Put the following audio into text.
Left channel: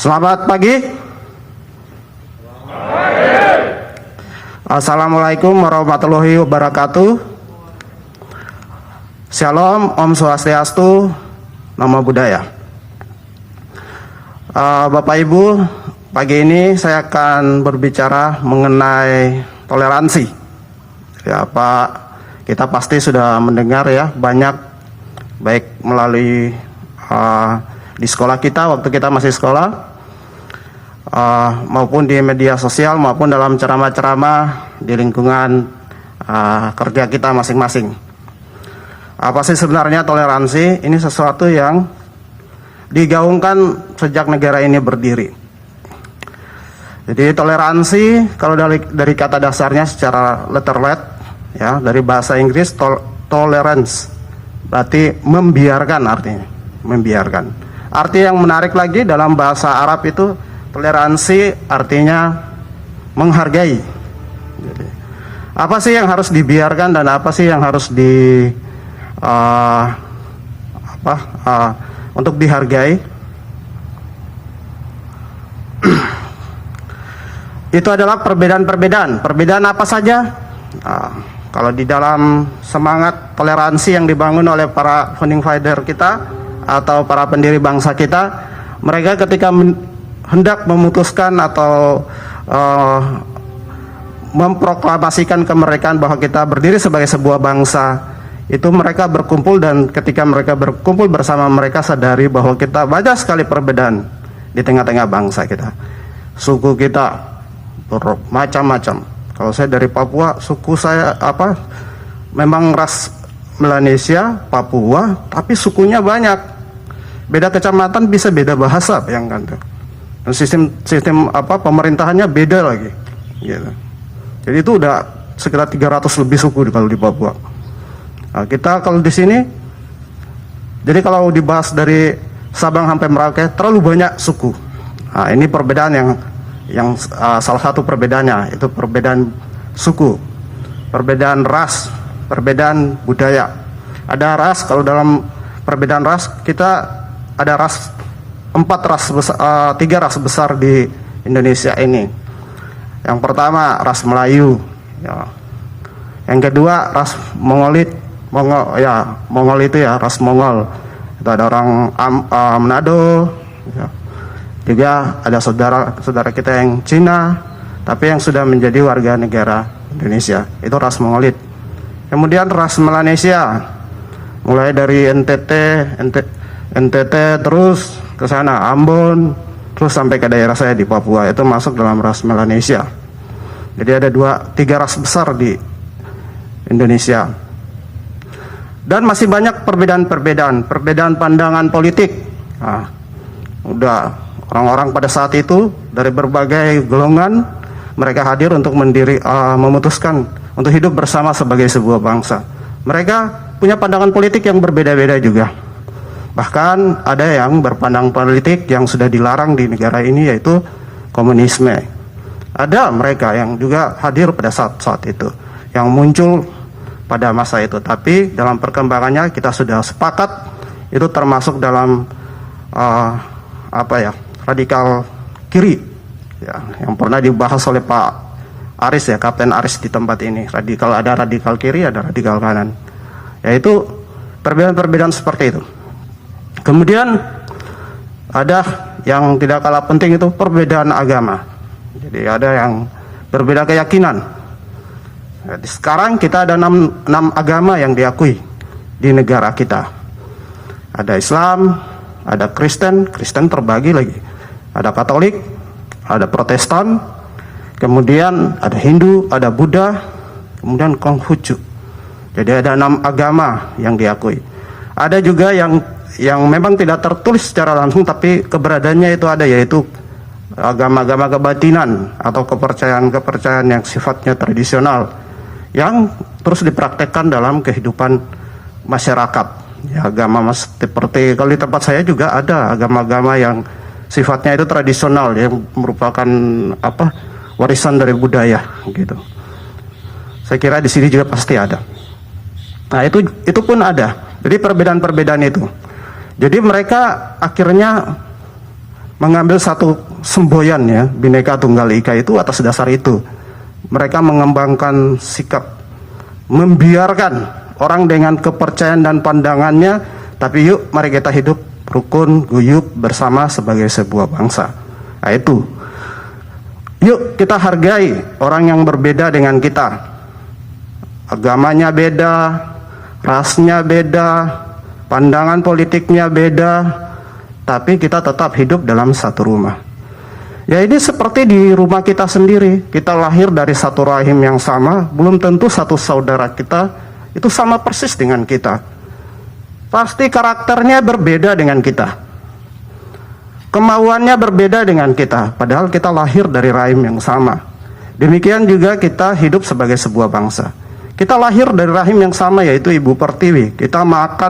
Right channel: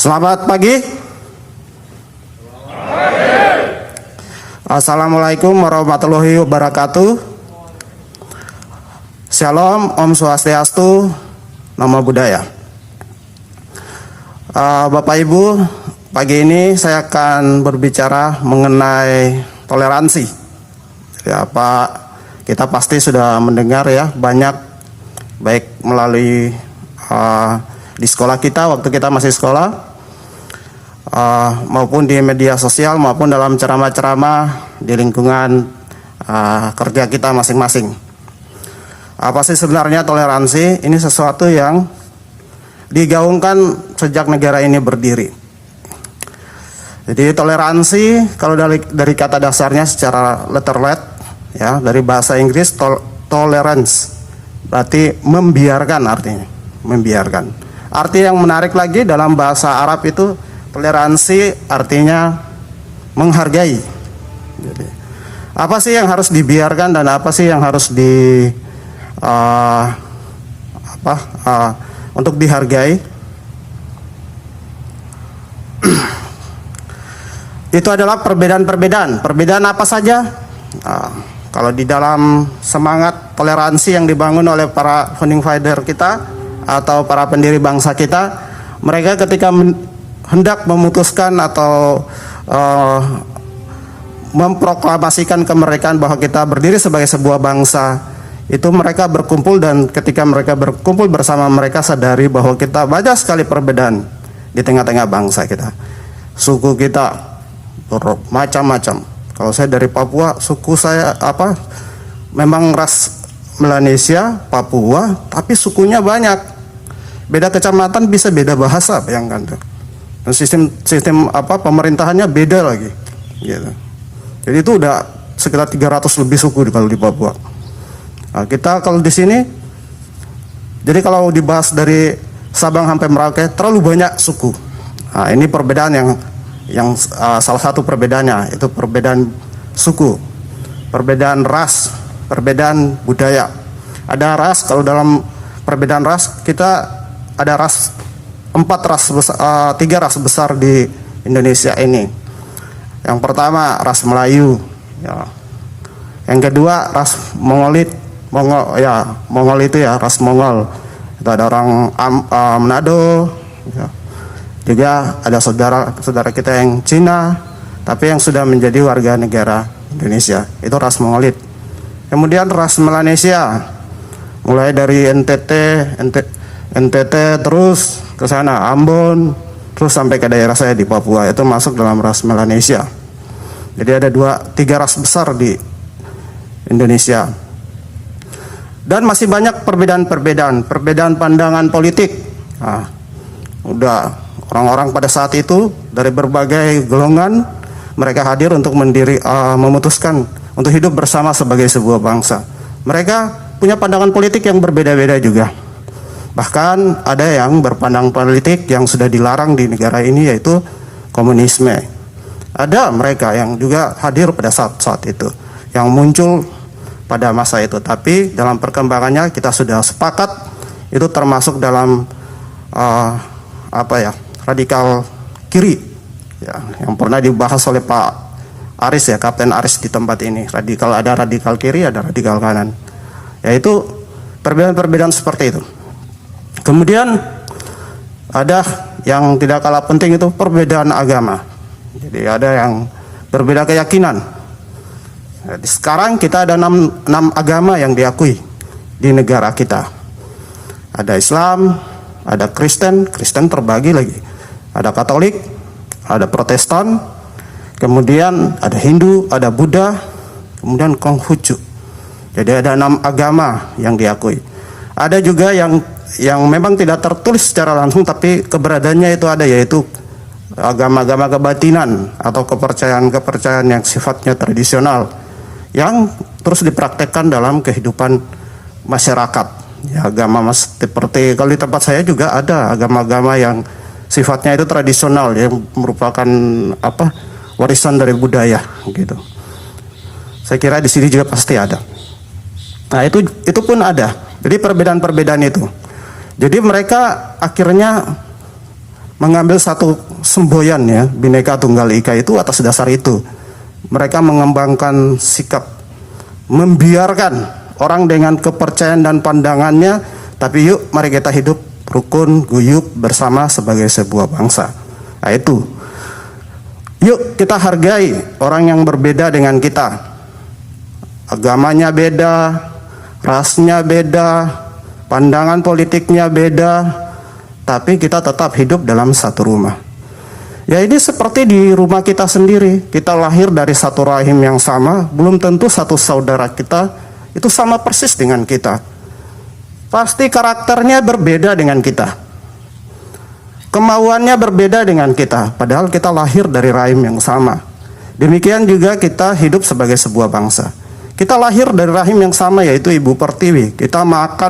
Selamat pagi. Assalamualaikum warahmatullahi wabarakatuh. Shalom, Om Swastiastu, Namo Buddhaya. Bapak Ibu, pagi ini saya akan berbicara mengenai toleransi. Ya, Pak, kita pasti sudah mendengar ya banyak, baik melalui di sekolah kita waktu kita masih sekolah, maupun di media sosial, maupun dalam ceramah-ceramah di lingkungan kerja kita masing-masing. Apa sih sebenarnya toleransi? Ini sesuatu yang digaungkan sejak negara ini berdiri. Jadi toleransi kalau dari kata dasarnya secara letterlet ya, dari bahasa Inggris tolerance berarti membiarkan, artinya membiarkan. Arti yang menarik lagi dalam bahasa Arab itu toleransi artinya menghargai. Jadi, apa sih yang harus dibiarkan dan apa sih yang harus untuk dihargai? Itu adalah perbedaan-perbedaan. Perbedaan apa saja? Kalau di dalam semangat toleransi yang dibangun oleh para founding father kita atau para pendiri bangsa kita, mereka ketika hendak memutuskan atau memproklamasikan kemerdekaan bahwa kita berdiri sebagai sebuah bangsa, itu mereka berkumpul, dan ketika mereka berkumpul bersama, mereka sadari bahwa kita banyak sekali perbedaan di tengah-tengah bangsa kita. Suku kita bermacam-macam. Kalau saya dari Papua, suku saya memang ras Melanesia, Papua, tapi sukunya banyak. Beda kecamatan bisa beda bahasa, bayangkan tuh. Dan sistem pemerintahannya beda lagi. Gitu. Jadi itu udah sekitar 300 lebih suku kalau di Papua. Nah, kita kalau di sini, jadi kalau dibahas dari Sabang sampai Merauke terlalu banyak suku. Nah, ini perbedaan yang salah satu perbedaannya itu perbedaan suku, perbedaan ras, perbedaan budaya. Ada ras, kalau dalam perbedaan ras kita ada tiga ras besar di Indonesia ini. Yang pertama ras Melayu, ya. Yang kedua ras Mongolit, Mongol itu ya, ras Mongol. Itu ada orang Manado, ya. Juga ada saudara kita yang Cina, tapi yang sudah menjadi warga negara Indonesia, itu ras Mongolit. Kemudian ras Melanesia, mulai dari NTT terus ke sana, Ambon, terus sampai ke daerah saya di Papua, itu masuk dalam ras Melanesia. Jadi ada tiga ras besar di Indonesia. Dan masih banyak perbedaan pandangan politik. Nah, udah orang-orang pada saat itu dari berbagai golongan, mereka hadir untuk memutuskan untuk hidup bersama sebagai sebuah bangsa. Mereka punya pandangan politik yang berbeda-beda juga. Bahkan ada yang berpandang politik yang sudah dilarang di negara ini, yaitu komunisme. Ada mereka yang juga hadir pada saat itu, yang muncul pada masa itu. Tapi dalam perkembangannya kita sudah sepakat itu termasuk dalam radikal kiri, ya, yang pernah dibahas oleh Pak Aris ya, Kapten Aris di tempat ini. Ada radikal kiri, ada radikal kanan. Yaitu perbedaan-perbedaan seperti itu. Kemudian ada yang tidak kalah penting, itu perbedaan agama. Jadi ada yang berbeda keyakinan. Jadi sekarang kita ada 6 agama yang diakui di negara kita. Ada Islam, ada Kristen terbagi lagi. Ada Katolik, ada Protestan, kemudian ada Hindu, ada Buddha, kemudian Konghucu. Jadi ada 6 agama yang diakui. Ada juga yang memang tidak tertulis secara langsung, tapi keberadaannya itu ada, yaitu agama-agama kebatinan atau kepercayaan-kepercayaan yang sifatnya tradisional, yang terus dipraktekkan dalam kehidupan masyarakat. Ya, agama seperti kalau di tempat saya juga ada agama-agama yang sifatnya itu tradisional, yang merupakan warisan dari budaya gitu. Saya kira di sini juga pasti ada. Nah, itu pun ada. Jadi perbedaan-perbedaan itu. Jadi mereka akhirnya mengambil satu semboyan ya, Bhinneka Tunggal Ika itu atas dasar itu. Mereka mengembangkan sikap membiarkan orang dengan kepercayaan dan pandangannya, tapi yuk mari kita hidup rukun, guyup bersama sebagai sebuah bangsa. Nah itu, yuk kita hargai orang yang berbeda dengan kita. Agamanya beda, rasnya beda, pandangan politiknya beda, tapi kita tetap hidup dalam satu rumah. Ya ini seperti di rumah kita sendiri, kita lahir dari satu rahim yang sama, belum tentu satu saudara kita itu sama persis dengan kita. Pasti karakternya berbeda dengan kita, kemauannya berbeda dengan kita, padahal kita lahir dari rahim yang sama. Demikian juga kita hidup sebagai sebuah bangsa. Kita lahir dari rahim yang sama, yaitu Ibu Pertiwi. Kita makan